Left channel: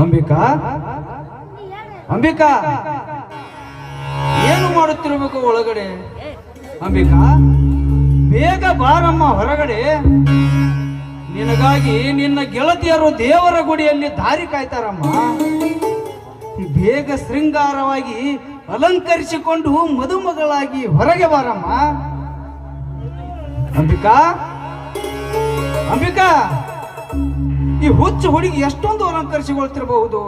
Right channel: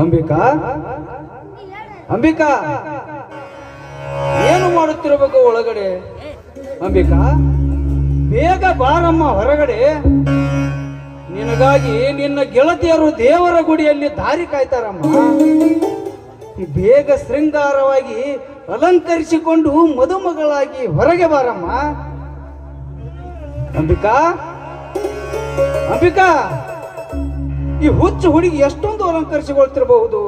ಅಂಬಿಕಾ, ಅಂಬಿಕಾ, ಏನು ಮಾಡುತ್ತಿರಬೇಕು ಒಳಗಡೆ? ಅಂಬಿಕಾ, ಬೇಗ ಬಾರಮ್ಮ ಹೊರಗಡೆ. ನಿನಗಾಗಿ ನಿನ್ನ ಗೆಳತಿಯರು ದೇವರ ಗುಡಿಯಲ್ಲಿ ದಾರಿ ಕಾಯ್ತಾರಮ್ಮ. ಬೇಗ ಶೃಂಗಾರವಾಗಿ ಅಲಂಕರಿಸಿಕೊಂಡು ಮದುಮಗಳಾಗಿ ಹೊರಗೆ ಬಾರಮ್ಮ. ಅಂಬಿಕಾ, ಅಂಬಿಕಾ, ಈ ಹುಚ್ಚು ಹುಡುಗಿ ಎಷ್ಟೊಂದು ಅಲಂಕರಿಸಿಕೊಳ್ತಿರಬಹುದು.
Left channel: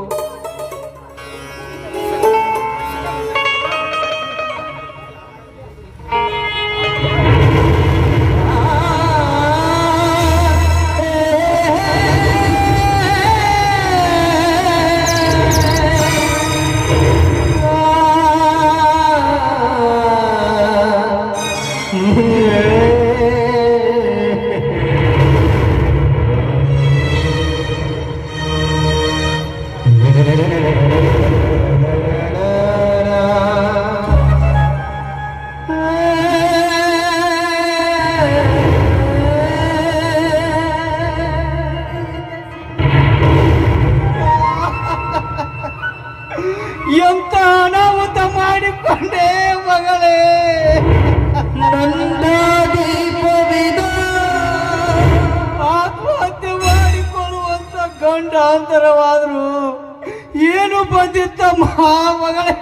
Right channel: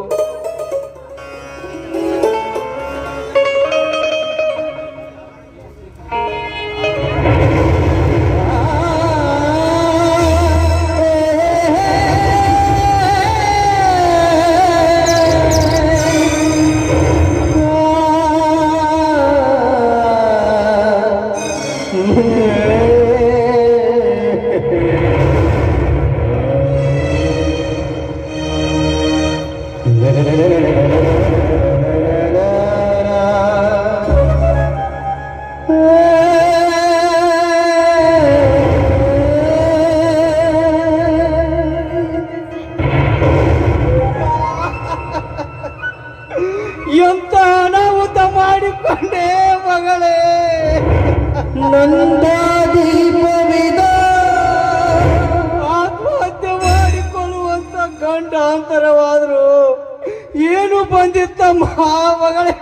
ಎಂತ ಅನಾಹುತ ಮಾಡಿಕೊಂಡೆ ಮಗಳೇ. ಆತ್ಮಹತ್ಯೆ ಮಾಡಿಕೊಳ್ಳುವಂತ ಗಂಡಾಂತರವಾದ್ರು ಏನು ಬಂದಿತ್ತಮ್ಮ ಮಗಳೇ.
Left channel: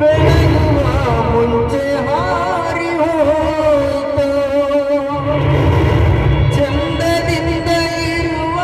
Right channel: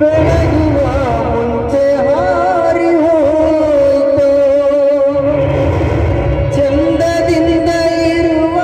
ಬೆಳಗುವ ಮುಂಚೆ ಹಾರಿ ಹೋಯಿತು ಚಂದದಿಂದ ಇರುವ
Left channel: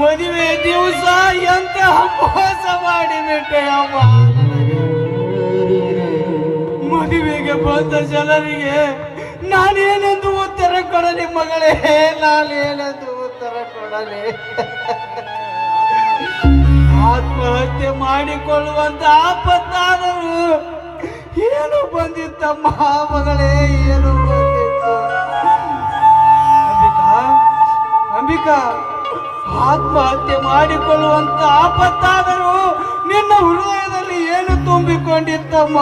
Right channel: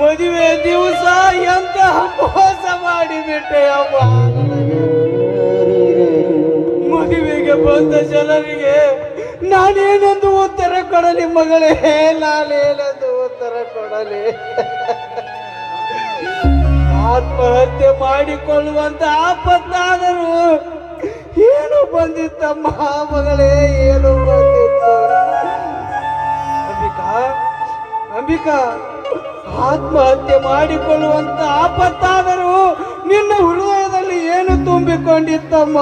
ಮದುವೆ ದಿವಸ ಎಂತ ಮೋಸ ಮಾಡಿಬಿಟ್ಟೆ ಅಮ್ಮ. ಮದುವೆಗೆ ಬಂದ ಜನರಿಗೆ ನಾನೇನೆಂದು ಉತ್ತರ ಕೊಡಲಿ ಮಗಳೇ, ನಾನೇನೆಂದು ಉತ್ತರ ಕೊಡಲಿ. ಆತ್ಮಹತ್ಯೆ ಮಾಡಿಕೊಳ್ಳುವಂತ ಆಪತ್ತಾದರೂ ಏನು ಬಂದಿತ್ತಮ್ಮ ಮಗಳೇ, ಏನು ಬಂದಿತ್ತು? ಅಂಬಿಕಾ, ಅಂಬಿಕಾ, ಆತ್ಮಹತ್ಯೆ ಮಾಡಿಕೊಳ್ಳುವಂತ ಆಪತ್ತಾದರೂ ನಿನ್ನ ಹೃದಯದಲ್ಲಿ ಏನು ತುಂಬಿಕೊಂಡಿತ್ತಮ್ಮ?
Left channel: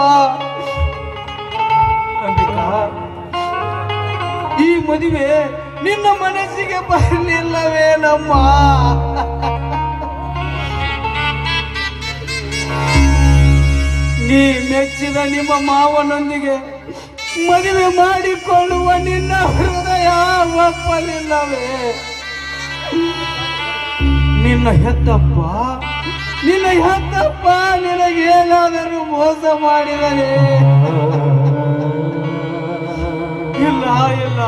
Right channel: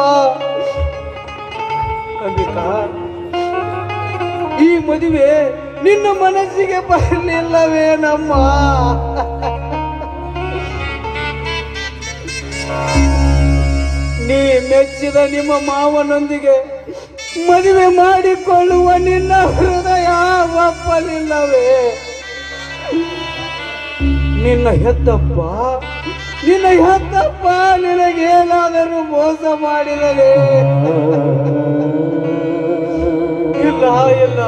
ಅಂಬಿಕಾ, ಈ ಮದುವೆ ನಿನ್ನ ಮನಸ್ಸಿಗೆ ಬರಲಿಲ್ಲವೇನಮ್ಮ? ನೀ ಮೆಚ್ಚಿದ ನಿಮ್ಮ ಮಾವನೊಂದಿಗೆ ಮದುವೆ ಮಾಡಿಕೊಳ್ಳುವ ನಿನ್ನ ಹೃದಯ ಒಪ್ಪಲಿಲ್ಲವೇ? ನಿನ್ನ ಹೆತ್ತಪ್ಪ ನಿನಗೇನಾದರೂ ಮೋಸ ಮಾಡಿದರೆ? ಇಲ್ಲ ಇಲ್ಲ,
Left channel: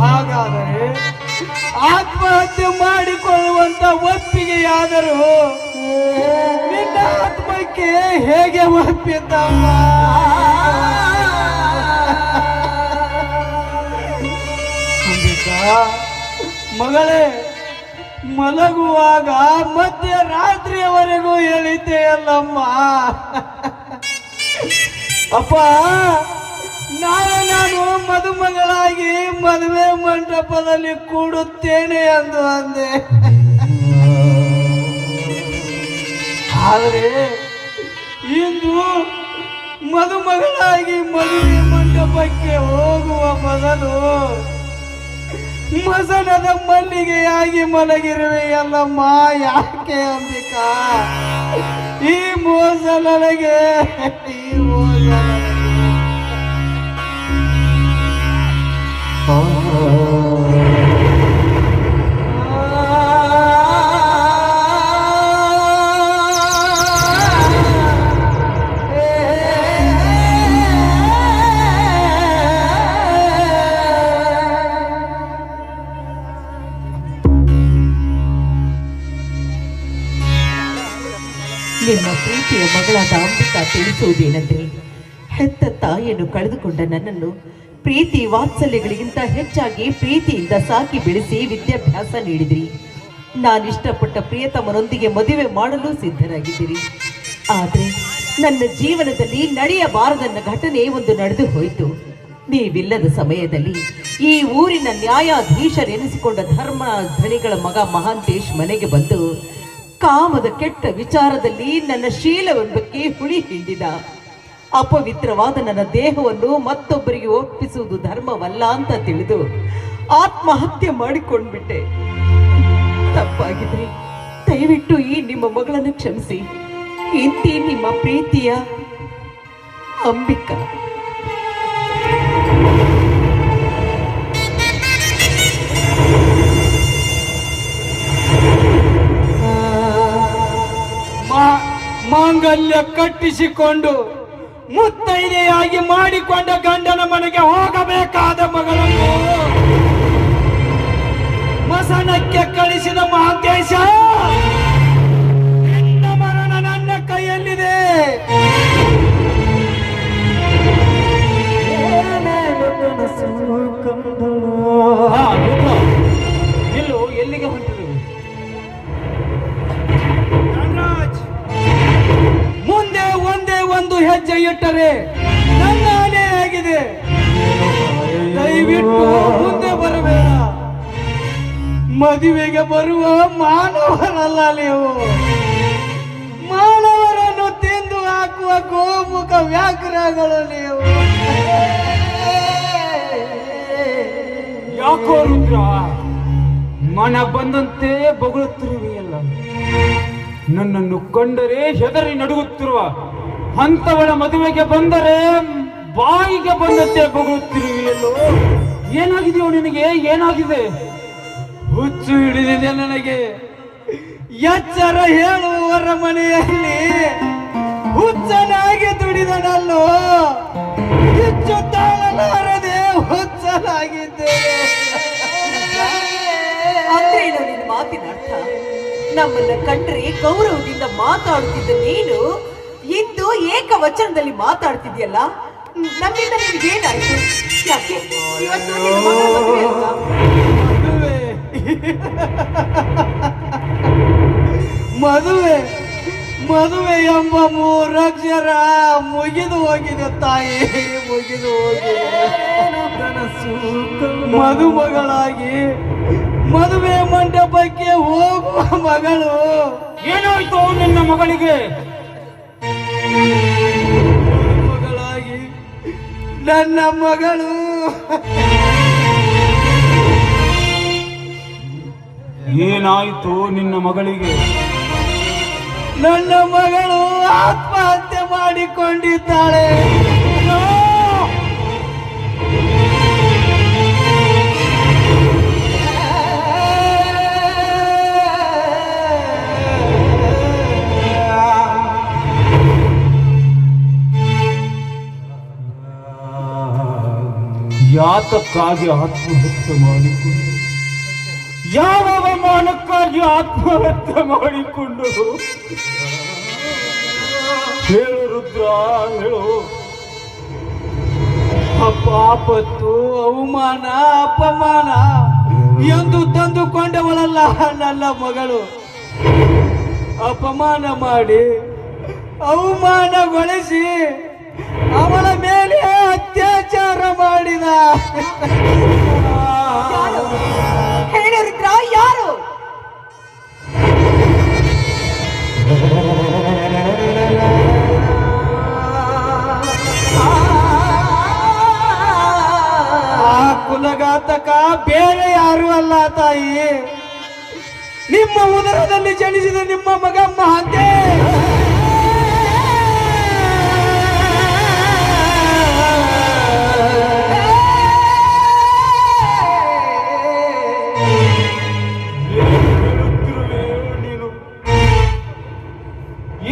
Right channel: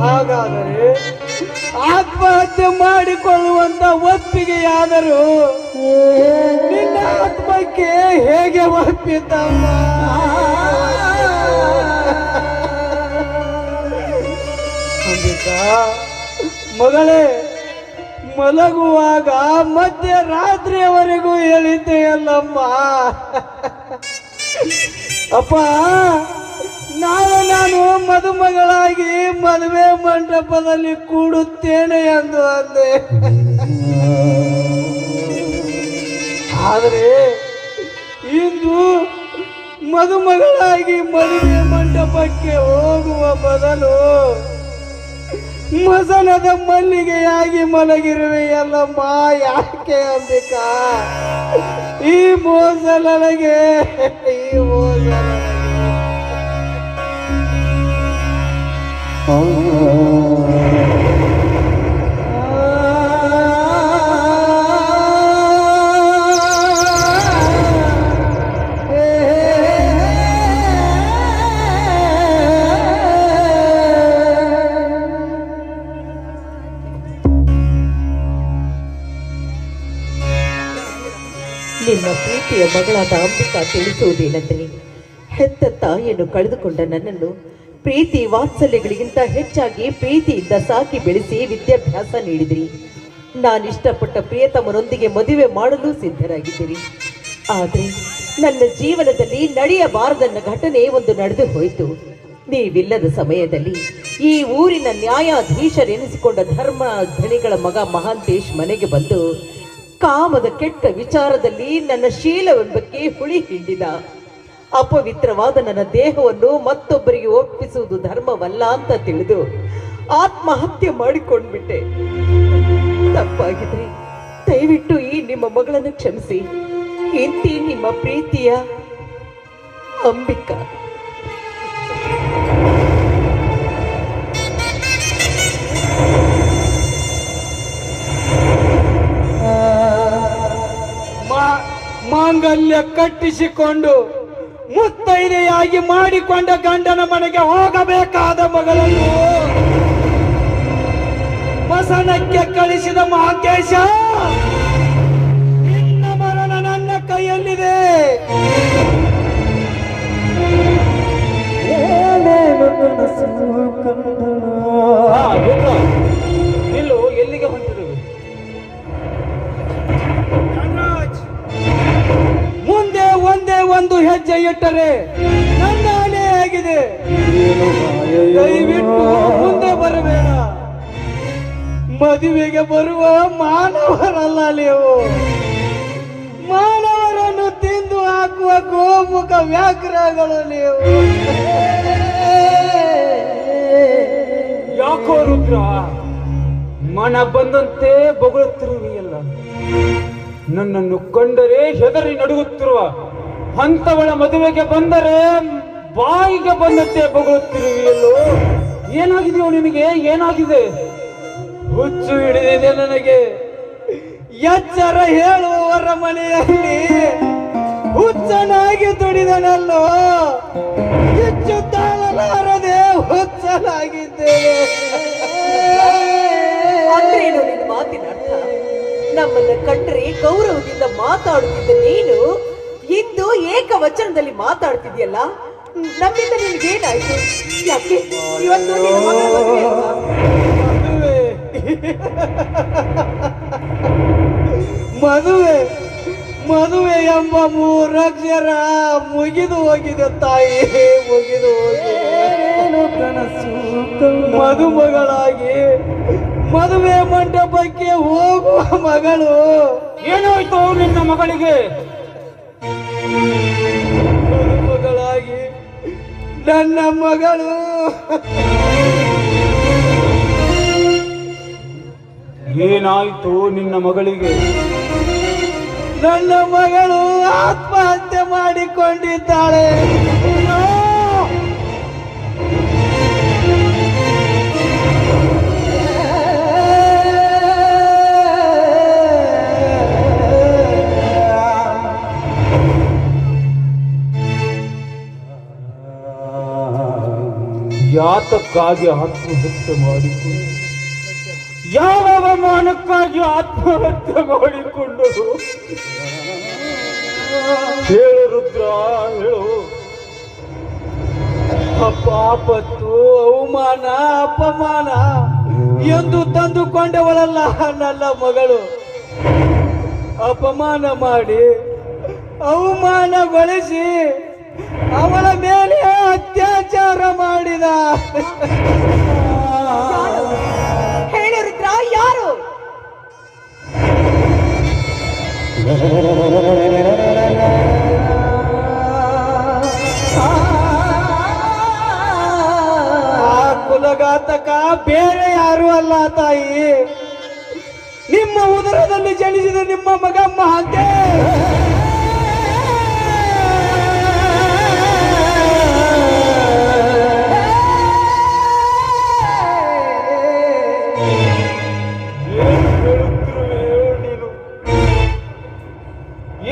ಹಾಗಾದರೆ ಆತ್ಮಹತ್ಯೆ ಮಾಡಿಕೊಳ್ಳುವಂತ ಒಪ್ಪಿಗೆಯಾದರೂ ನಿನ್ನ ಆತ್ಮಕ್ಕೆ ಹೇಗೆ ಒಪ್ಪಿದ್ದಮ್ಮ? ಮಗಳೇ, ಮಲಗುವಾಗ ಮಧ್ಯರಾತ್ರಿಯವರೆಗೂ ಹೇಳಿದ್ದೆಯಲ್ಲ, ಅಮ್ಮ. ಅಪ್ಪ, ನಾನು ಮದುಮಗಳಾಗಿ ಮದುವೆ ಮಂಟಪದಲ್ಲಿ ಕೂಡುತ್ತೇನೆ ಎಂದು ಅಂದೆ. ಆದರೆ ಇಂದು ಮದುಮಗಳಾಗಿ ಮದುವೆ ಮಂಟಪಕ್ಕೆ ಹೋಗುವ ಬದಲು ಮಸನದ ಮಲ್ಲಿಗೆಯಾಗಿ ಮಲಗಿರುವೆಯಲ್ಲಮ್ಮ. ಯಾಕೆ ಅಂಬಿಕಾ ಈ ಮೋಸ ನನಗೆ? ಈ ಮೋಸ ನಿಮ್ಮ ಪ್ರೀತಿಯ ಮಗಳಾದ ಅಂಬಿಕಾ ತಿಳಿಸುವುದೇನೆಂದರೆ, ಹೆತ್ತ ತಾಯಿಯನ್ನು ಕಳೆದುಕೊಂಡ ನನ್ನನ್ನು ಪ್ರೀತಿ ವಾತ್ಸಲ್ಯಗಳಿಗಿಂತ ಹೆಚ್ಚಾಗಿ ಪ್ರೀತಿಯಿಂದ ಸಾಕಿ ಬೆಳೆಸಿ ವಿದ್ಯಾಭ್ಯಾಸ ನೀಡಿದಿರಿ. ನಾನಿಷ್ಟಪಟ್ಟ ಪ್ರಿಯತಮನೊಂದಿಗೆ ಮದುವೆ ಮಾಡಲು ಸಿದ್ಧರಾಗಿದ್ದೀರಿ. ಆದರೆ ನನ್ನ ಜೀವನದಲ್ಲಿ ನಡೆಯಬಾರದನ್ನ ಘಟನೆ ಒಂದು ನಡೆದು ಹೋಯಿತು. ನೀವಿಲ್ಲದ ಸಮಯದಲ್ಲಿ ಈ ಊರಿನ ನ್ಯಾಯಾಧೀಶರೆನಿಸಿಕೊಂಡ ಧರ್ಮ ಧಣಿಗಳ ಮಗ ಮಹಾಂತೇಶ್ ಮನೆಗೆ ಬಂದು ಕಾಮದ ಕೆಟ್ಟ ವಿಚಾರದಲ್ಲಿ ನನ್ನ ಶೀಲವೆಂಬಕ್ಕೆ ಹುಳಿ ಹಿಂಡಿದ. ಅಪವಿತ್ರವಾದ ನನ್ನ ದೇಹವನ್ನು ಮತ್ತೊಬ್ಬರಿಗೆ ಒಪ್ಪಿಸುವುದು ಧರ್ಮವಲ್ಲ ಅಂತ ತಿಳಿದು ಆತ್ಮಹತ್ಯೆ ಮಾಡಿಕೊಂಡ್ಬಿಟ್ಟೆ. ತಪ್ಪಾಗಿದೆ, ದಯವಿಟ್ಟು ಈ ನಿಮ್ಮ ಮಗಳನ್ನು ಕ್ಷಮಿಸಿ. ಇಂತಿ ನಿಮ್ಮ ಪ್ರೀತಿಯ ಅಂಬಿಕಾ. ಮಾಂಗಲ್ಯ ಕಟ್ಟಿಸಿಕೊಂಡು ಮುತ್ತೈದೆಯಾಗಿ ಮಾಡಿಕೊಂಡ ಗಂಡನ ಮನೆಗೆ ಹೋಗಬೇಕಾದ ಮಗಳನ್ನು ವಸನಕ್ಕೆ ಕಳಿಸಿದ ಮಹಾಂತೇಶ, ನಿನ್ನ ಮರಣ ನನ್ನ ಕೈಯಲ್ಲಿದೆ. ನಿಲ್ಲು, ಎಲ್ಲಿಗೆ ಹೊಂಟಿದ್ದೀವಿ? ಮುಂದೆ ಒಂದೇ ಒಂದು ಹೆಜ್ಜೆ ಇಟ್ಟರೆ ನನ್ನ ಆನೆ ಆಗಿದೆ. ದಯವಿಟ್ಟು ಮುಂದೆ ಬರಬೇಡ. ಮದುವೆಗೆ ಬರುವ ಮಾನವರಲ್ಲ ನೀವು. ಮಾನವರನ್ನು ತಿಂದು ಹಾಕುವ ಗೋಮುಖ ವ್ಯಾಘ್ರಗಳು ನೀವು. ಯಾಕೋ ರುದ್ರ ಮನ ಬಂದಂತೆ ಬೊಗಳುತ್ತಿರುವೆಯಲ್ಲ? ನನ್ನನ್ನು ಕಂಡರೆ ಹೆದರಿ ನಡುಗುತ್ತಿರುವ ಅಂತವನ ಮದುವೆಗೆ ಬಂದರೆ ಬಾಯಿಗೆ ಬಂದಂತೆ ಬೊಗಳುತ್ತಿರುವೆಯಲ್ಲೋ? ಏನಾಗಿದೆಯೋ ನಿನಗೆ? ಏನಾಗಿದೆ? ಹುಚ್ಚು ಹಿಡಿದಿದೆ ನನಗೆ. ಎಚ್ಚರ ಹೇಳುವವರ ಮನೆಯಲ್ಲಿ ಹುಚ್ಚನಾಗಿ ದುಡಿದನಲ್ಲೋ, ಹೆಚ್ಚು ತಾಳಲಾರದೆ ಹುಚ್ಚನಾಗಿದ್ದೇನೆ. ಅಂದ್ರೇನು ನಿನ್ನ ಮಾತಿನ ಅರ್ಥ? ನಮ್ಮನ್ನ ಕಂಡ್ರೆ ಗೌರವದಿಂದ ಮಾತಾಡುತ್ತಿದ್ದ ನೀನು ಇಂದು ಏಕವಚನದಲ್ಲಿ ಮಾತಾಡ್ತಿದ್ಯಲ್ಲ? ನಮ್ಮಿಂದ ನಿನ್ಗೇನಾಯ್ತು? ಯಾಕೆ ಇವತ್ತು ನಿನ್ನ ಮಗ ಮದುವೆ ಅಲ್ವಾ? ಮದುವೆ ಮದುವೆ ಎಂಬ ಮೂರಕ್ಷರ ಮುಗಿದು ಹೋಗಿದೆ ತಾಯಿ, ಮುಗಿದು ಹೋಗಿದೆ. ಮದುಮಗಳಾಗಿ ಮದುವೆ ಮಂಟಪಕ್ಕೆ ಹೋಗುವ ಮಗಳು. ಏನಾಯ್ತು ನಿನ್ನ ಮಗಳಿಗೆ? ಮದುಮಗಳಾಗಿ ನನ್ನ ಮಗಳು ಏನಾಯ್ತು ನಿನ್ನ ಮಗಳಿಗೆ? ನನ್ನ ಮಗಳು ಆತ್ಮಹತ್ಯೆ ಮಾಡಿಕೊಂಡಿದ್ದಾಳೆ. ಯಾತಕ್ಕಾಗಿ ಆತ್ಮಹತ್ಯೆ ಮಾಡಿಕೊಂಡು? ಯಾವ ಅವಮಾನಕ್ಕಾಗಿ ಆತ್ಮಹತ್ಯೆ ಮಾಡಿಕೊಂಡರು? ಹೇಳು ರುದ್ರ, ಹೇಳು. ಆಪತ್ತು, ಅವಮಾನ, ಅಪಮಾನ ಎಂದು ತಂದುಕೊಂಡವಳಲ್ಲ ನನ್ನ ಮಗಳು. ಅಪಮಾನ ಮಾಡಿ ಅವಮಾನಗೊಳಿಸಿ ಅವಳ ಮೇಲೆ ಅತ್ಯಾಚಾರ ಮಾಡಿದ. ಹೇಳು ರುದ್ರ, ಯಾರು? ಆ ಕುಲಘಾತಕ ಬೇರೆ ಯಾರು ಅಲ್ಲ ತಾಯಿ, ನಿಮ್ಮ ಉದರದಲ್ಲಿ ಜನಿಸಿದ ನಿಮ್ಮ ಮಗ ಮಹಾತೆ.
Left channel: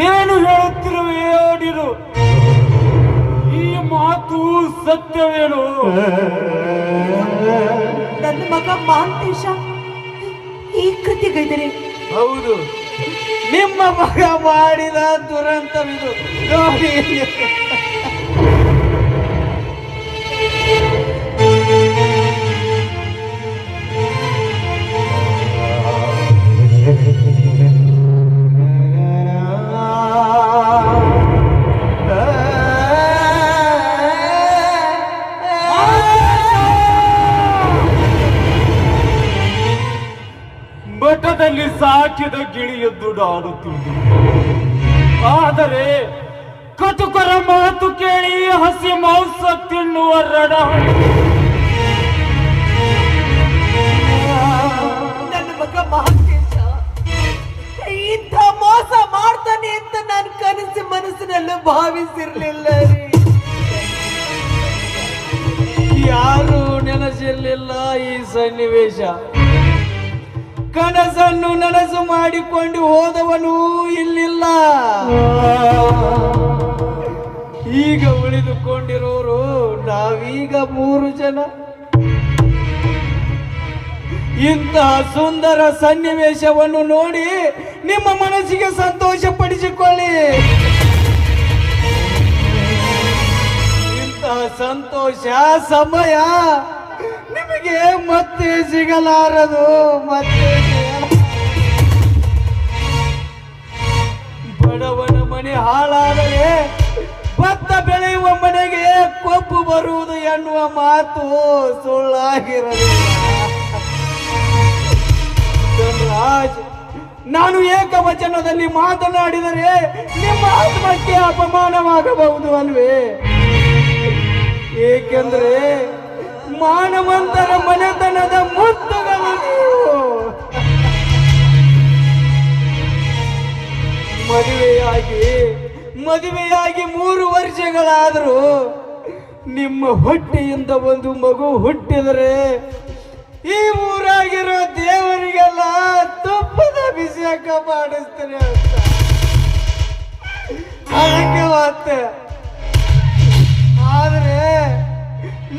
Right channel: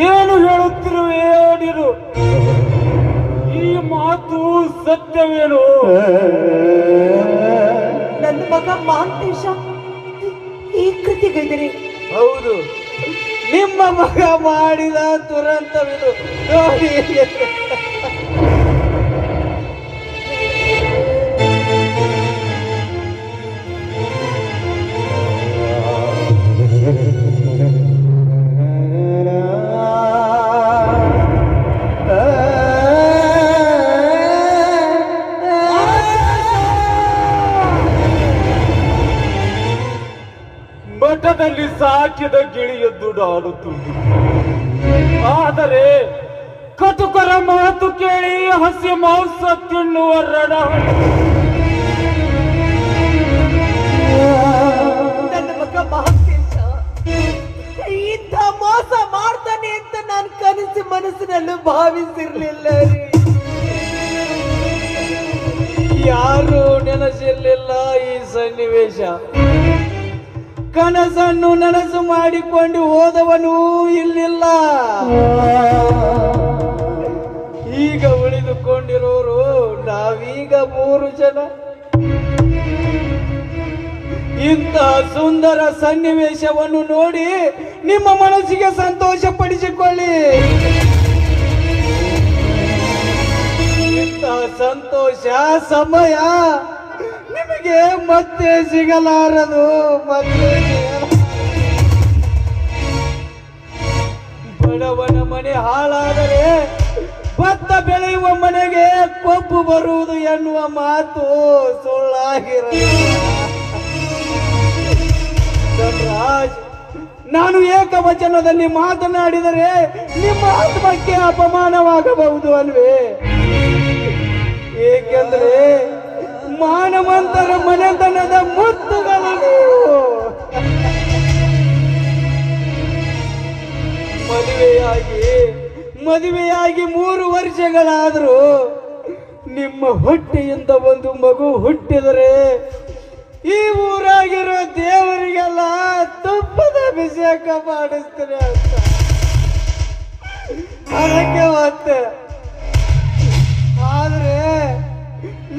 ಏನು ಹೇಳುತ್ತಿರುವೆಯೋ ನೀನು? ಈ ಮಾತು ಸತ್ಯವೇನು? ನನ್ನ ಮಗ ಮಹಾಂತೇಶ ಈ ಕೃತಿಗೈದರೆ ಹೌದು, ನಿಮ್ಮ ಮಗ ಮಾಡಿದ ದುರಂತವಿದು. ನೋಡಿ, ಮಠದಲ್ಲಿ ಸಾಕಿದ ಗಿಳಿಯದ್ದು ಆಡುತ್ತಿತ್ತು. ಆದರೆ ಕಟುಕರ ಮಾತು ಕೇಳಿ ಹಸಿ ಮಾಂಸ ತಿನ್ನುವ ರಣ. ನನ್ನ ಮಗ ಮಹಾಂತೇಶ ಇಂಥ ಮೋಸ ಮಾಡ್ತಾನೆ ಅಂತ ನಾನು ಕನಸು ಮನಸ್ಸಿನಲ್ಲೂ ಭಾವಿಸಿರ್ಲಿಲ್ಲ ರೀ. ಯಾರು ನೆನಸಿರ್ಲಿಲ್ಲ ಈ ಸನ್ನಿವೇಶ. ಕನಸನ್ನು ನನಸು ಮಾಡಿಕೊಂಡು ಹೋದವನು ಇಲ್ಲಿಲ್ಲ. ಈಗ ಉಳಿದುಕೊಂಡಿರೋರು ನಾವೀಗ 3 ಜನ. ಇಂಥ ಸುಂದರ ಸನ್ನಿವೇಶವನ್ನು ನೋಡಿ ನಿಮ್ಮ ಮನಸ್ಸಿಗೆ ಸಂತೋಷ ಪಡಿಸಿಕೊಳ್ಳಿ. ಇಂಥ ಸಂತೋಷ ಸಮಯ ನಿಮಗೆ ಮತ್ತೆ ಸಿಗಲಾರದು. ಬಡವನ ಮನೆ ಹಾಳಾದರೆ ಭತ್ತ ಬೆಳೆಯುವ ಮನೆಗೆ ಕೊಬ್ಬು ಬರುವುದು ಎನ್ನುವ ಮಾತು ಸುಳ್ಳಾಗಿರಲಿ. ನಾನು ಏಕವಚನದಲ್ಲಿ ಮಾತನಾಡಿದರೆ ನಿಮ್ಮ ಆತ್ಮಕ್ಕೆ ಅಪಮಾನವಾಗಬಹುದು ಅಲ್ವೇ? ಏಕೆಂದರೆ ಮಾನವಂತರ ಮನೆತನದ ಮುತ್ತುಗಳು. ಮದುವೆಯಾಗಿ 3 ವರ್ಷಗಳಾದರೂ ನಿಮ್ಮ ಹೊಟ್ಟೆಯಿಂದ ಒಂದು ಮಗು ಹುಟ್ಟಿದರೆ ಈ ಊರಾಗಿರೋ ದೇವರಿಗೆಲ್ಲ ತುಪ್ಪದ ಅಭಿಷೇಕ ಮಾಡಿಸ್ತಾರೆ. ಅದಕ್ಕೆ ಮತ್ತೆ ಆದ್ರೆ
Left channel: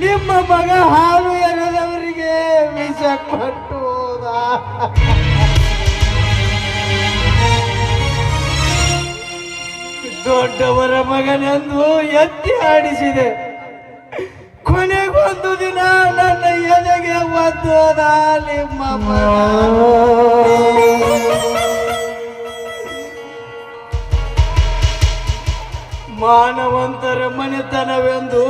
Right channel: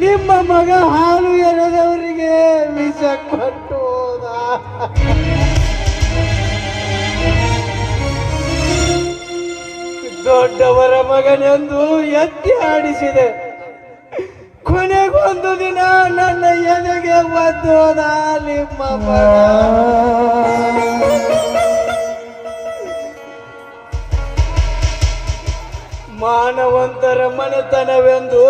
ನಿಮ್ಮ ಮಗ ಹಾಲು ಎರೆದವರಿಗೆ ವಿಷ ಕೊಟ್ಟು ಹೋದ. ದೊಡ್ಡವರ ಮಗನೆಂದು ಎತ್ತಿ ಆಡಿಸಿದೆ. ಕೊನೆಗೊಂದು ದಿನ ನನ್ನ ಎದೆಗೆ ಬಂದು ಹೋದ ನಿಮ್ಮ ಮಾನವಂತರ ಮನೆತನವೆಂದು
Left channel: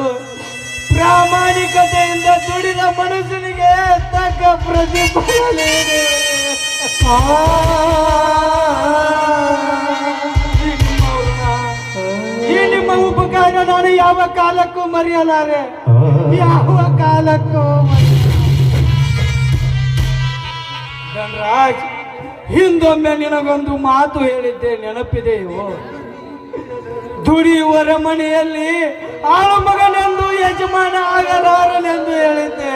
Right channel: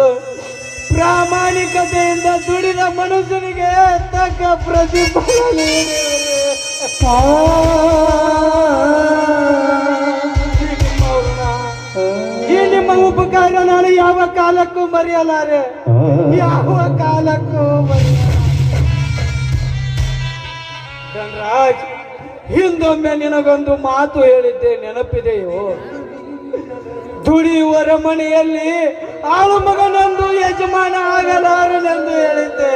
ಪ್ರಾಮಾಣಿಕತೆಯಿಂದ ದುಡಿದ ಮನುಷ್ಯನಿಗೆ ತಕ್ಕ ಪ್ರತಿಫಲ. ಈ ನಿಮ್ಮ ಉಪಕಾರ ನಾನು ಯಾವ ಕಾಲಕ್ಕೂ ಮರೆಯಲಾರೆ, ಯಾವ ಕಾಲಕ್ಕೂ. ರಾಜ್, ಹಿಂದೊಮ್ಮೆ ನಿನಗೊಂದು ಮಾತು ಹೇಳಿದ್ದೆ, ನೆನಪಿದೆಯೋ? ದುಡಿಯುವರ ಮನೆಯಲ್ಲಿ ಆಳು ಮಗನೆಂದು ಯಜಮಾನ ಆಗಲಾರನೆಂದು ಹೇಳಿದ್ದೆ.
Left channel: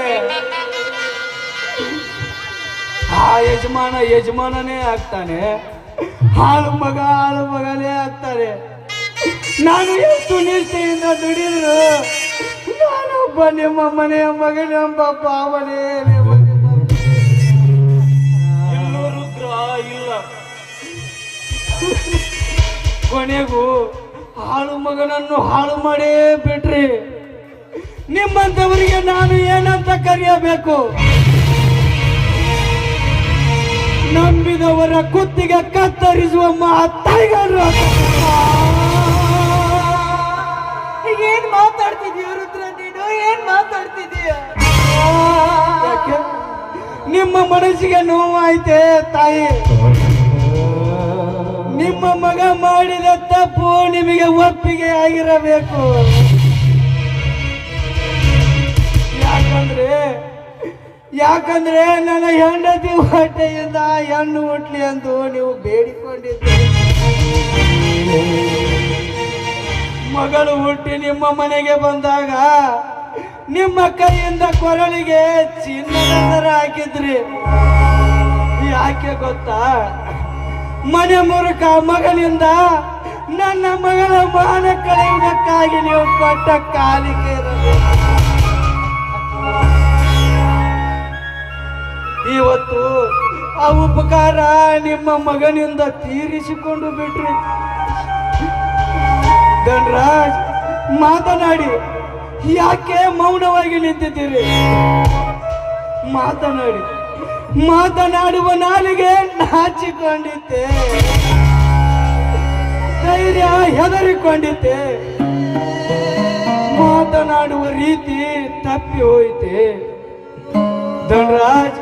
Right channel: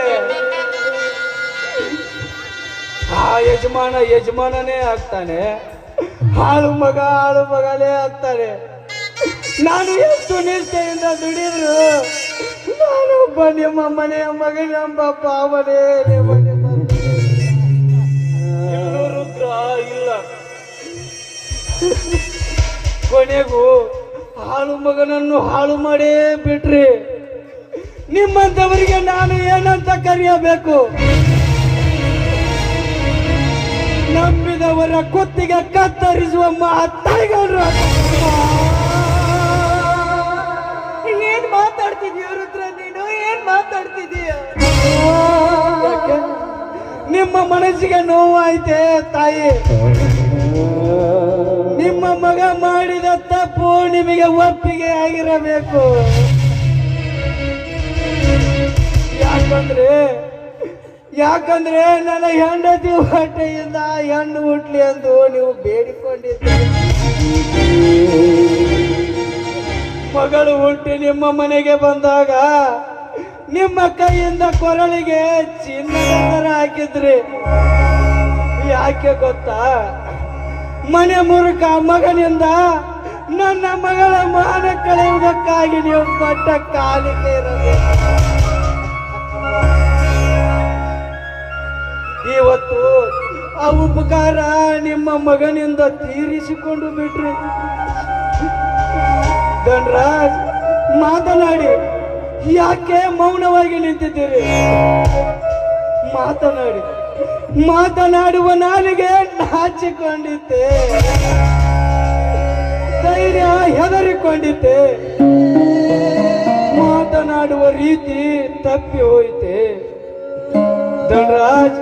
ಆ ಯಜಮಾನನೇ ಆಗ್ತಾನೆ, ಆಳು ಮಗನೇ ಆಗ್ತಾನೆ. ನಾನು ಎಷ್ಟು ನಿಷ್ಠೆಯಿಂದ ದುಡಿದ್ರು ನಾನೊಬ್ಬ ನಿಮ್ಮ ಮನೆಯ ಮಗನೆಂಬ ಭಾವನೆ ಇಲ್ಲ. ಕೊನೆಗೂ ಹಾಳು ಮಗನನ್ನು ಹಾಳು ಮಾಡೇ ಬಿಟ್ರಿ. ನಿಮ್ಮಂತವರಿಗೆ ನಾನು ಏನಂತ ಕರೆಯಬೇಕು? ನಂಬಿದವರ ಕುತ್ತಿಗೆ ಕತ್ತರಿಸುವ ಮಾತಾಯಿಗಳು. ಯಾಕಂದ್ರೆ ನನ್ನ ಹೆಂಡತಿ ಹೊಟ್ಟೆಯಿಂದ ಹೆಣ್ಣು ಹುಟ್ಲಿ ಎಂದು ನೀವು ಬೇಡಿಕೊಂಡಿದ್ದೀರಿ. ಮಗಳು ಹುಟ್ಟಿ ನಿಮ್ಮ ಮನೆಗೆ ಬಂದಾಗ ನಿಮ್ಮ ಕೈಯಿಂದ ಕೊರಳಿಗೆ ಚಿನ್ನ ಹಾಕಿದ್ರಿ. ಯಾಕೆ ಗೊತ್ತಾ? ಮನೆ ಮುರುಕ ಮಗನಿಂದ ನನ್ನ ಮಗಳ ಮಾನ ಕಳೆಯುವುದಕ್ಕಾಗಿ ನೀವು ಕೊಟ್ಟ ಕಾಲಿಗೆ ಇವತ್ತು ಆ ಉಪಕಾರ ನಿಮ್ಮ ಮಗನಿಂದ ತೀರಿಸಿಕೊಂಡು ಬಿಟ್ರಿ. ಧನರಾಜ್, ಮಾತನಾಡಿ. ಯಾಕೆ ಮೌನವಾಗಿ ನಿಂತಿದ್ದೀರಿ? ಮಾತನಾಡಿ. ಮಾತನಾಡುವ ನಾಲಿಗೆ ಹಚ್ಚಿಕೊಂಡಿದ್ದೆ, ಧೈರ್ಯ ಹೆದರಿಕೊಂಡಿದ್ದೆ, ಮಾತನಾಡುವ ರೀತಿ ತಪ್ಪಿ ಹೋಯಿತೆ. ಧನರಾಜ್,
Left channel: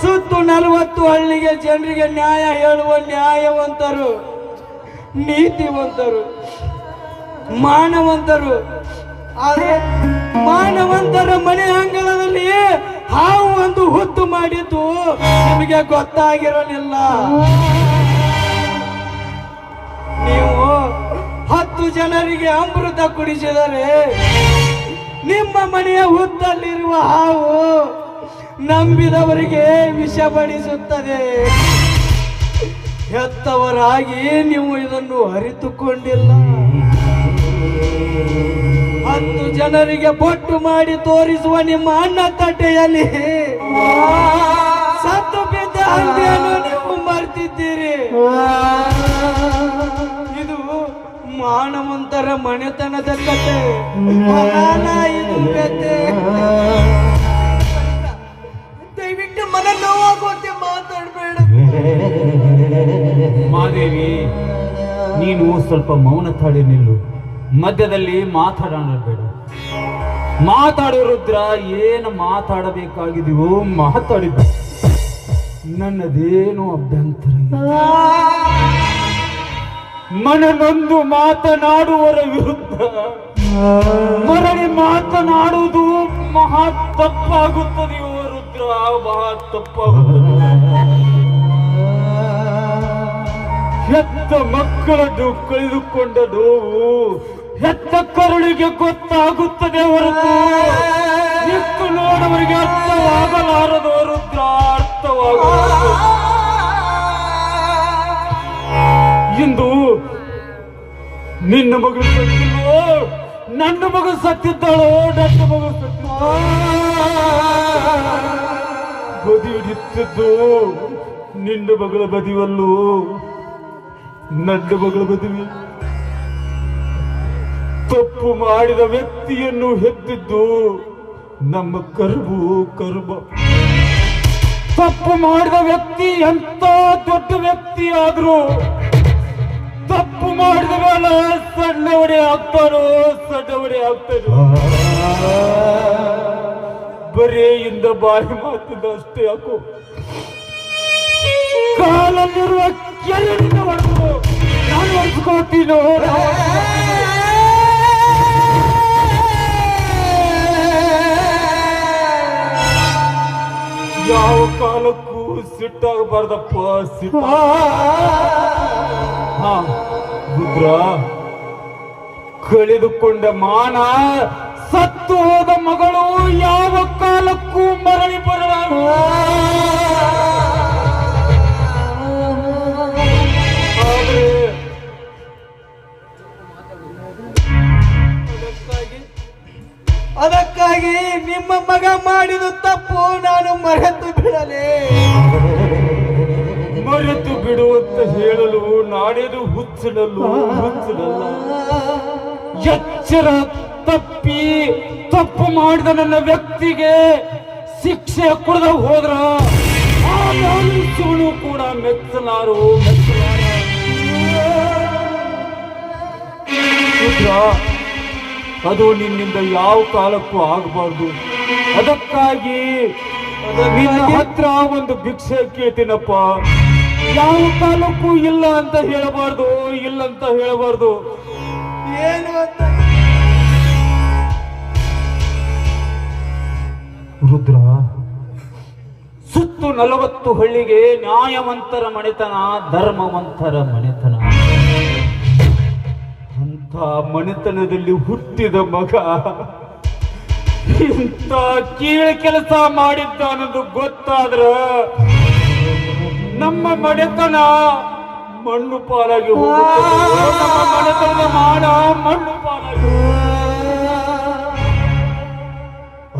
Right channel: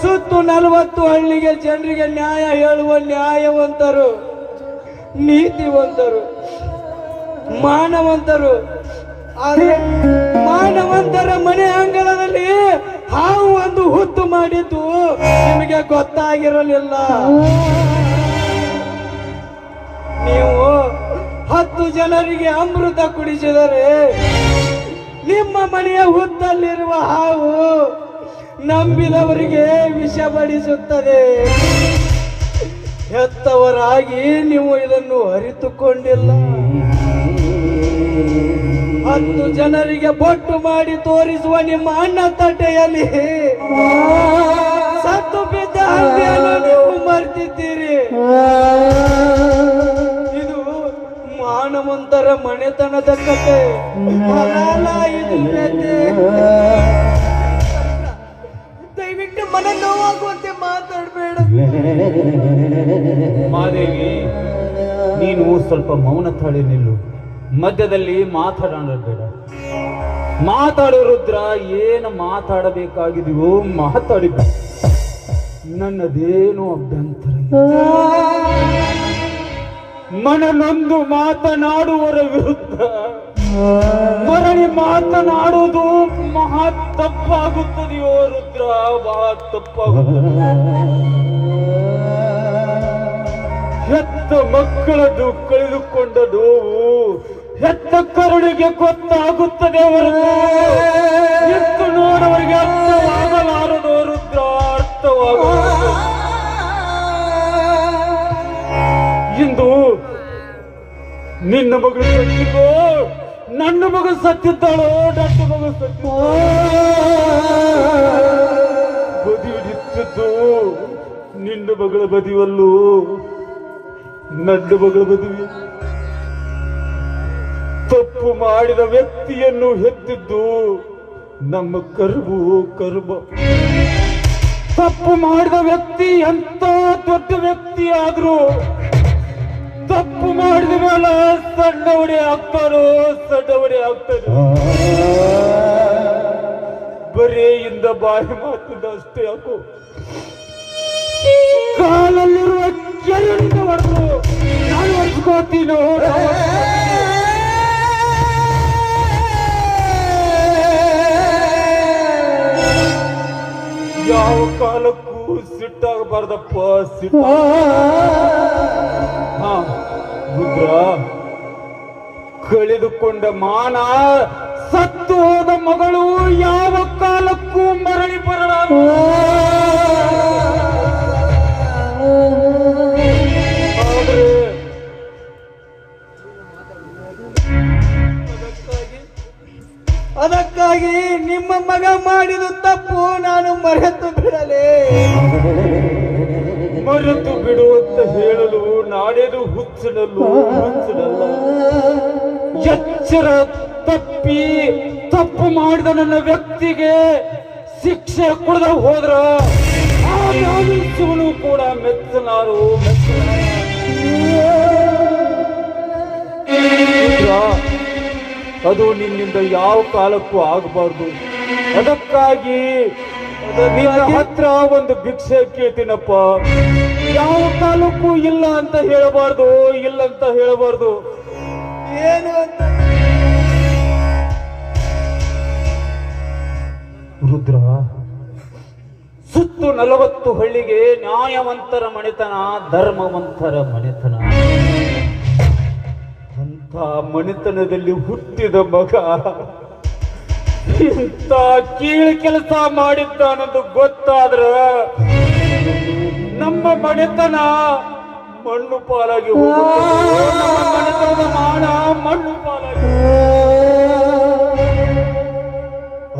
ಸುತ್ತು 40 ಹಳ್ಳಿಗೆ ಜನರಿಗೆ ನ್ಯಾಯ ಹೇಳುವ ನ್ಯಾಯವಂತರು, ನೀತಿವಂತರು, ಮಾನವಂತರು. ಆದರೆ ಮಾನವಂತರ ಮನೆ ಅಂಗಳದಲ್ಲಿ ಹಾವು ಒಂದು ಹುತ್ತು ಮಾಡಿದ್ದು ನಿಮಗೆ ಗೊತ್ತಾಗಿರಲಿಲ್ಲ. ನೀವು 10 ಜನರಿಗೆ ಅಮೃತ ಕುಡಿಸಿದರೆ ನಿಮ್ಮ ಮನೆಯ ಹುತ್ತಲ್ಲಿರುವ ಹಾವು ನಂಬಿದವರಿಗೆ ವಿಷ ಬಡಿಸುತ್ತದೆ. ಹೆತ್ತವರಾಗಿ ನೀವು ಇದನ್ನು ಅರಿತುಕೊಂಡಿಲ್ಲ. 10 ಜನರಿಗೆ ಬೊಟ್ಟು ಮಾಡಿ ತೋರಿಸುವ ನಿಮ್ಮ ಅಣ್ಣ ತಟ್ಟೆಯಲ್ಲಿ ಸತ್ತು ಬಿದ್ದ ಹಂದಿಯನ್ನು ನೀವು ಮರ್ತಿದ್ದೀರಿ. ಇದು ಮಾನವಂತರ ಮನೆತನದ ಕಥೆ, ಅಲ್ಲ ಇದು ಕಥೆ. ದಯವಿಟ್ಟು ಮನ ನೋವಾಗುವಂತೆ ಮಾತಾಡಬೇಡ. ಮಾದೇವಿ, ನೀನು ಸ್ವಲ್ಪ ಮೌನ ತಾಳಿ ನಿಲ್ಲು. ಮಧ್ಯದಲ್ಲಿ ಮಾತನಾಡಬೇಡ. ಮಾತಾಡು ರುದ್ರ. ಏನು ಮಾತಾಡಬೇಕಾಗಿದೆಯೋ ಮಾತಾಡಿದ. ನನ್ನದೇನು ಅಭ್ಯಂತರ. ಮನನೊಂದು ಮಾತನಾಡುವರ ವಿರುದ್ಧ ಮರಳಿ ಮಾತನಾಡುವುದು ಮಹಾ ತಪ್ಪಾಗುತ್ತದೆಯೋ ರುದ್ರ, ಮಹಾ ತಪ್ಪಾಗುತ್ತದೆ. ಹೆತ್ತ ಮಕ್ಕಳನ್ನು ಕಳೆದುಕೊಂಡ ನೋವು ಹೆತ್ತ ಕರುಳಿಗೆ ಗೊತ್ತಾಗುತ್ತದೆ. ಹೊರತು ನೋಡವರಿಗೆ ಅರ್ಥವಾಗಲಾರದು ರುದ್ರ, ಅರ್ಥವಾಗುತ್ತದೆ. ಇಂದು ನಿನ್ನ ಮಗಳು ನನ್ನ ಮಗ ಸತ್ತಿದ್ದಾಳೋ, ನನ್ನ ಮಗ ಸತ್ತು ಬದಿ ಹಿಡಿಯುತ್ತಿದ್ದು ನಿನ್ನ ಮಗಳ ಬದಿವಲ್ಲೂ ನನ್ನ ಮಗಳ ಬದಿವಿ. ತಪ್ಪು ಮಾಡಿದ ವ್ಯಕ್ತಿಯನ್ನು ಹೆತ್ತಿದ್ದು ನಮ್ಮ ಕರ್ಮ. ತಪ್ಪು ಮಾಡಿದ ವ್ಯಕ್ತಿ ಎಂತ ದೊಡ್ಡ ವ್ಯಕ್ತಿ ಆದ್ರೂ ತಪ್ಪು ಮಾಡಿದ ಮೇಲೆ ಸಣ್ಣವನೇ ಆಗ್ತಾರೋ, ಸಣ್ಣವನೇ ಆಗ್ತಾರೋ. ಬರೀ ಇಂದ ಬಾಯಿ ಮಾತಿದಷ್ಟೇ ಯಾಕೋ ಕಾಲಲ್ಲಿರುವ ಕೆರಳಿನ ಅನ್ವಯಿಸ್ಕೋತೀನೋ. ಯಾವ ಕಾಲಕ್ಕೂ ಸಿಟ್ಟಾಗಬಾರ್ದಪ್ಪ. ಕಳೆದುಕೊಂಡ ಮಾನ, ಸತ್ತು ಹೋದ ಮಗಳು ಯಾವ ಕಾಲಕ್ಕೂ ಮರಳಿ ಬರಲ್ಲ. ಅದಕ್ಕಾಗಿ ನಿಮ್ಮ ಮಗ ಮಾಡಿದ ತಪ್ಪು ನಾನು ಮರೆತು ಬಿಡಲೇ. ಮರೆತು ಬಿಡುವಂತ ಹೇಳಲು ನಾನೇನು ಹುಚ್ಚನಲ್ಲ. ಎಚ್ಚರ ತಪ್ಪಿ ತಪ್ಪು ಮಾಡಿದ ನನ್ನ ವ್ಯಕ್ತಿಗೆ ಶಿಕ್ಷೆ ಕೊಡದ ಹೋದ್ರ ಕೂಡ ಮೆಚ್ಚಲಾರು. ಅದು ನಿನ್ನಿಂದ ಯಾವ ಕಾಲಕ್ಕೂ ಆಗಬಾರ್ದು. ಅದಕ್ಕಾಗಿ ನಿನ್ನ ಹತ್ರ ಒಂದು ಭಿಕ್ಷೆ ಕೇಳ್ತೀನಪ್ಪ. ಯಾವ ಕಾಲಕ್ಕೂ ಇಲ್ಲ ಅಂತ ಹೇಳಬಾರ್ದು, ಇಲ್ಲ ಅಂತ ಹೇಳಬಾರ್ದು. ಏನು ಅಂತ ರುದ್ರ, 40 ಹಳ್ಳಿಗೆ ನ್ಯಾಯವಂತರ ಮಣಿತನ, ಧರ್ಮವಂತರ ಮಣಿತನ. ಅಂತ ಮಣಿತನದಲ್ಲಿ ಹುಟ್ಟಿದ ಮಗ ಇಂಥ ಕೀಳು ಕೆಲಸ ಮಾಡಿದ್ದಾನದು ಗೊತ್ತಾದ್ರ ನಮ್ಮ ಮಣಿತನ ಮಣ್ಣು ಪಾಲಾಗಿ ಹೋಗುತ್ತೆ. ನಮ್ಮ ಮಣಿತನದ ಮಾನ ಮಣ್ಣು ಪಾಲಾಗಿ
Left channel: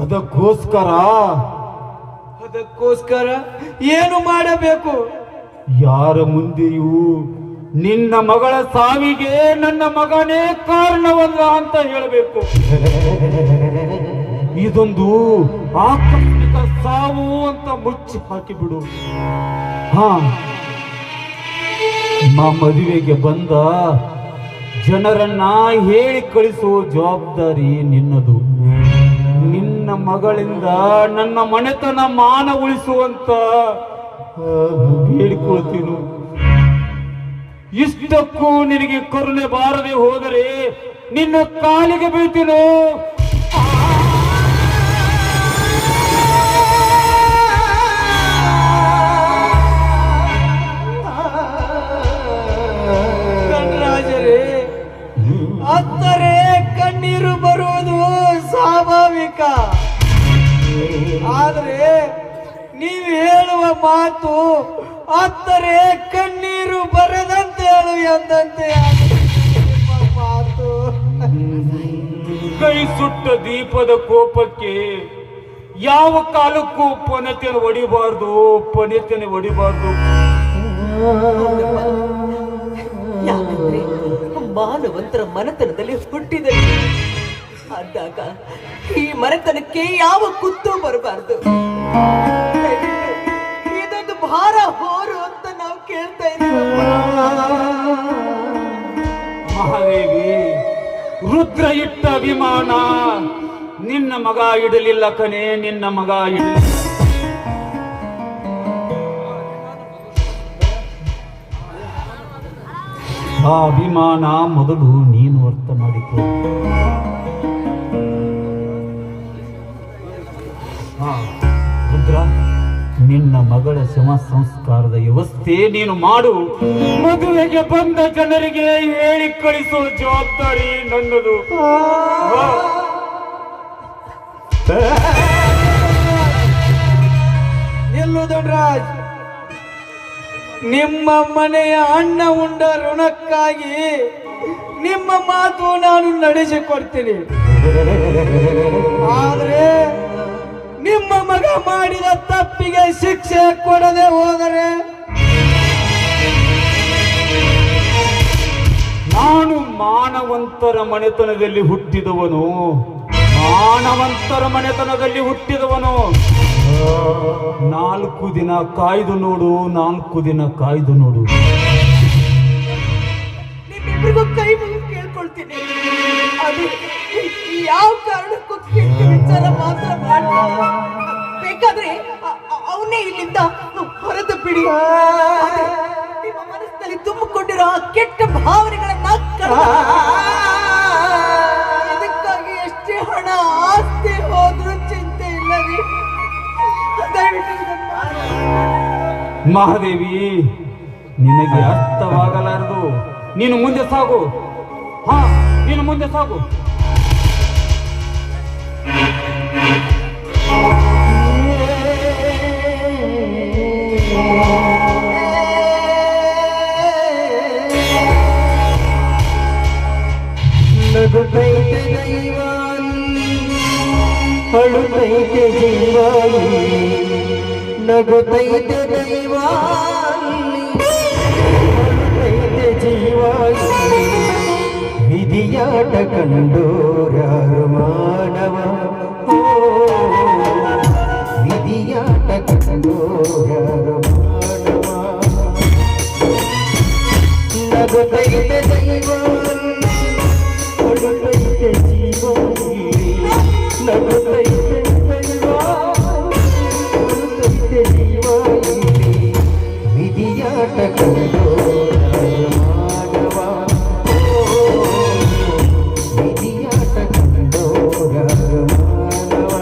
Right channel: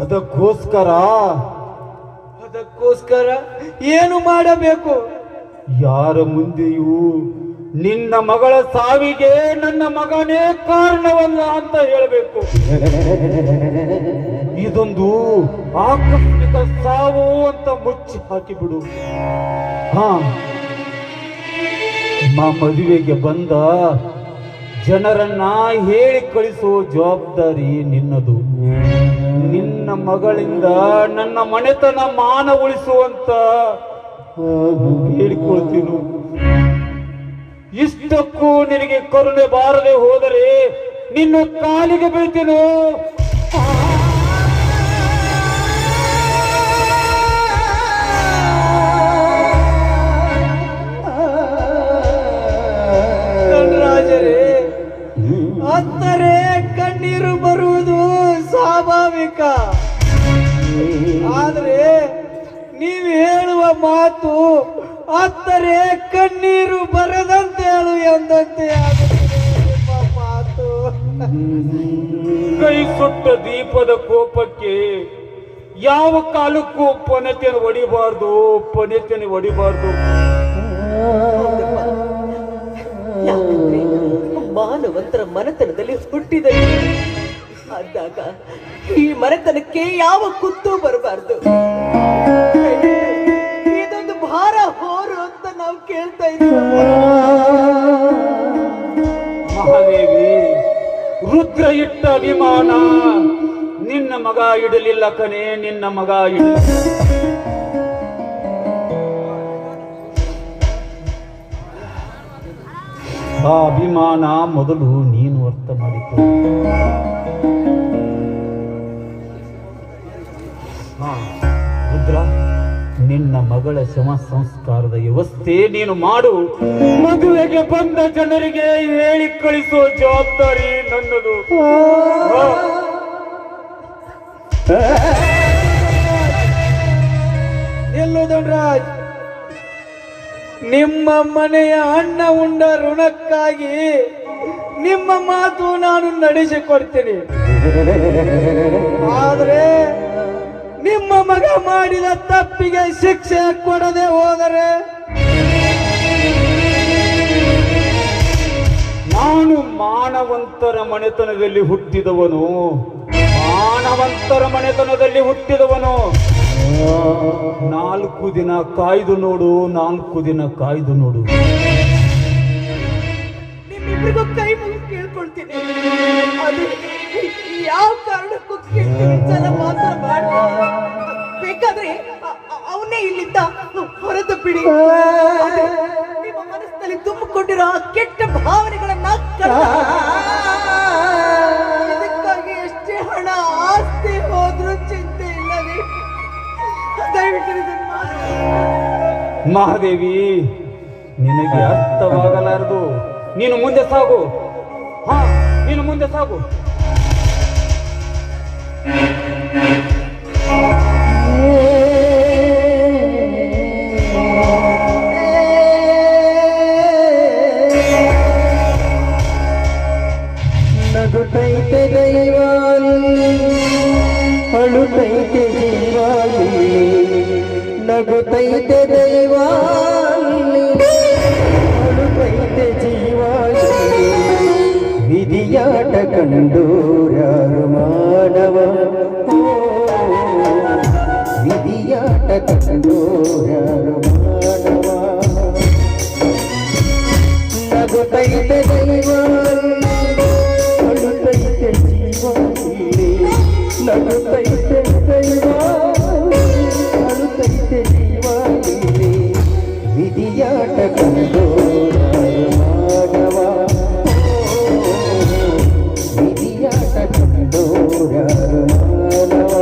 ಅದಕ್ಕೋಸ್ಕರ ಏನು ಮಾಡಬೇಕು? ಯಾರ ಮುಂದೆಯೂ ನಿನ್ನ ಮಗಳ ಸಾವಿಗೆ ನನ್ನ ಮಗನೇ ಕಾರಣವಲ್ಲ ಅಂತ ಹೇಳಬೇಕು. ಇದೊಂದು ಆಕಸ್ಮಿಕ ಸಾವು ಅಂತ ಮುಚ್ಚಿ ಹಾಕಿಬಿಡು. ಮದುವೆಗೆ ಬಂದ ಜನರನ್ನ ಹೇಳಿ ಕಳಿಸುವ ಜವಾಬ್ದಾರಿ ನಿನ್ನದು. ನಿನ್ನ ಮಗಳಿಂದ ನನ್ನ ಮನೆತನ ಮಾನ ಉಳಿಸುವಂತ ಹೇಳಿಕೊಳ್ತೀನಿ. ಇಷ್ಟಕ್ಕೂ ನಿನಗೆ ಕರುಣೆ ಬಾರದೆ ಹೋದರೆ ನಿನ್ನ ಕಾಲಿಗೆ ಬೀಳ್ತೀನೋ. ಅಂದರೆ ಕಣ್ಣೀರು ಬರುವುದು ಸ್ವಾಭಾವಿಕ. ಆದರೆ ನೀವು ಹೇಳುವ ಮಾತು ಅಂದರೆ ಕಣ್ಣೀರು ಬರದಂತೆ ಹೇಳು ಎಂದಂತೆ ಮಾತು. ಕೈ ಸುಟ್ಟ ದೀಪದ ಕೋಪಕ್ಕೆ ಯಾವ ಕಾಲಕ್ಕೂ ಪೊನೆತೆಯನ್ನು ಹೊಡಿಬಾರ್ದು, ಪೊನೆತೆಯನ್ನು ಹೊಡಿಬಾರ್ದು. ಯಾಕಂದ್ರೆ ಮಾನವಂತರ ಮನೆತನದಲ್ಲಿ ಹುಟ್ಟಿದ ಅಂದಾಗ ಈ ಮನೆತನಕ್ಕೆ ಯಾವ ಕುತ್ತು ಬರಬಾರ್ದು. ಇದೊಂದು ಭಾರ ಹೋರು ಅಂತ ನಾವು ಕೇಳ್ತಾ ಇದ್ದೀವಿ. ಮಹಾದೇವಿ, ರುದ್ರ ಇಟ್ಟ ಅಭಿಮಾನ ನಿನ್ನ ಮಗ ಇಡಲಿಲ್ಲ ಕಣೆ, ನಿನ್ನ ಮಗ ಇಡಲಿಲ್ಲ. ಆ ಅಭಿಮಾನ ಮೊದಲು ನೀನು ಅರ್ಥ ಮಾಡಿಕೊ. ರುದ್ರ, ನಿನ್ನ ಮಗಳ ಶವ ಸಂಸ್ಕಾರದ ವ್ಯವಸ್ಥೆ ನೀನು ಮಾಡು. ಮದುವೆಗೆ ಬಂದ ಜನರಿಗೆ ಹೇಳಿ ಕಳಿಸೋ ಜವಾಬ್ದಾರಿ ನನ್ನದು. ನಿಲ್ಲು ದೊಡ್ಡರಾಜ್. ನಿಮ್ಮ ಮನೆಯ ಅನ್ನ ಉಂಡ ಋಣಕ್ಕಾಗಿ ನಿಮ್ಮ ಮಾತು ನಾನು ನಡೆಸಿಕೊಡ್ತೀನಿ. ಆದ್ರೆ ನಿಮ್ಮ ಮಗ ಮಾಡಿದ ತಪ್ಪಿಗೆ ಶಿಕ್ಷೆ ಕೊಡದೆ ಹೋದರೆ ನಾನು ಮಾನವಂತರ ಮನೆತನದಲ್ಲಿ ಹುಟ್ಟಿದವನು, ಮಾನವಂತರ ಮನೆತನದಲ್ಲಿ ಹುಟ್ಟಿದವನು. 4 ದಿನ ಕಾಯ್ದು ನೋಡು, 4 ದಿನ ಕಾಯ್ದು ನೋಡು. ನಿಮ್ಮಿಬ್ಬರಿಗೂ ಕೈ ಮುಗಿ ಕೇಳ್ಕೊಳ್ತೀನಿ. ಯಾವ ಕಾರಣಕ್ಕೂ ಕೆಟ್ಟ ವಿಚಾರ ಮಾತ್ರ ಮಾಡಬೇಡಿ. ಬೇಕಾದ್ರೆ ಅವನೇ ಇಲ್ಲಿಂದ ಹೊರತುಬಿಡಿ. ನಿಮ್ಮ ಮನಸ್ಸಿನಲ್ಲಿ ತುಂಬಿಕೊಂಡಿರೋ ಆ ಕೆಟ್ಟ ಭಾವನೆಗಳನ್ನ ಇದಕ್ಕಾಗಿ ಎಷ್ಟೇ ಹಣ ಆಸ್ತಿ ಹೋದ್ರೂ ಚಿಂತೆ ಇಲ್ಲವೇ? ಮಹಾದೇವಿ, ನಿನಗೆ ಅರ್ಥವಾಗಲಾರದು. ನೀನು ಮುಂದೆ ಸಾಗು. ನೀನು ಮುಂದೆ ಸಾಗು. ನಗುತ್ತೈತೆ ದೈವಾಲಿ, ಅಳುತ್ತೈತೆ ಜೀವಾಲಿ. ನಗುತ್ತೈತೆ ದೈವಾಲಿ, ಅಳುತ್ತೈತೆ ಜೀವಾಲಿ. ವಿಧಿಯಾಟ ಕಂಡೂರ್ಯಾರು ಮಾನವ, ವಿಧಿಯಾಟ ಕಂಡೂರ್ಯಾರು ಮಾನವ. ನಗುತ್ತೈತೆ ದೈವಾಲಿ, ಅಳುತ್ತೈತೆ ಜೀವಾಲಿ. ನಗುತ್ತೈತೆ ದೈವಾಲಿ, ಅಳುತ್ತೈತೆ ಜೀವಾಲಿ. ವಿಧಿಯಾಟ ಕಂಡೂರ್ಯಾರು ಮಾನವ, ವಿಧಿಯಾಟ ಕಂಡೂರ್ಯಾರು ಮಾನವ.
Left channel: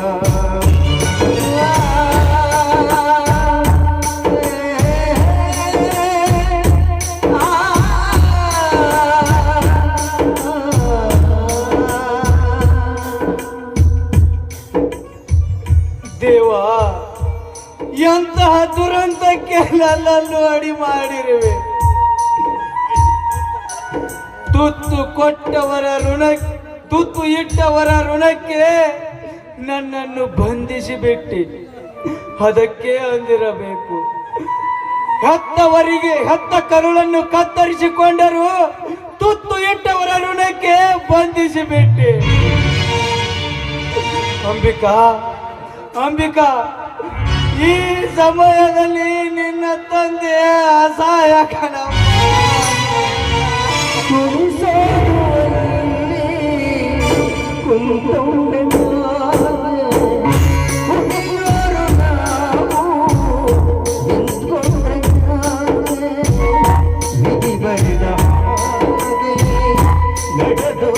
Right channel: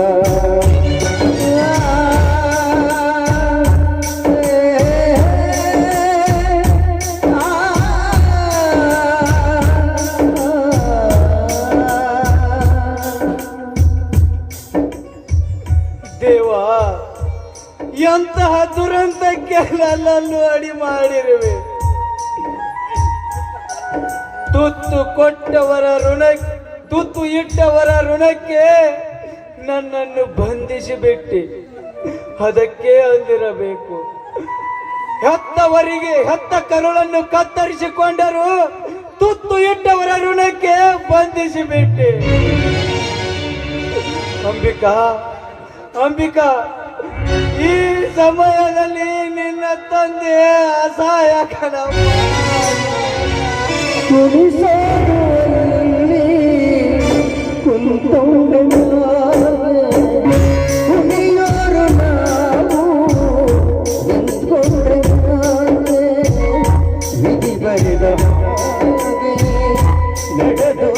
ತುತ್ತು ಕೊಟ್ಟವರ ತುತ್ತು ಇಟ್ಟವರ ಋಣಕ್ಕೆ ನನ್ನನ್ನು ಬಂಧಿಸಿಬಿಟ್ಟಿ. ಅದಕ್ಕೆ ಅಂದಿರಬೇಕು, ಹೆತ್ತವರಿಗೆ ಹೆತ್ತ ಕರುಳನ್ನು ಕತ್ತರಿಸಿಕೊಂಡರು, ತುತ್ತು ಇಟ್ಟವರ ಋಣಕ್ಕೆ ಬಂಧಿಸಿಬಿಟ್ಟೆ. ಅಂಬಿಕಾ, ಅಂಬಿಕಾ, ಈ ಸಮಯದಲ್ಲಿ ನಿನ್ನ ತಂದೆ ಅಸಹಾಯಕನ. ನಡೆದು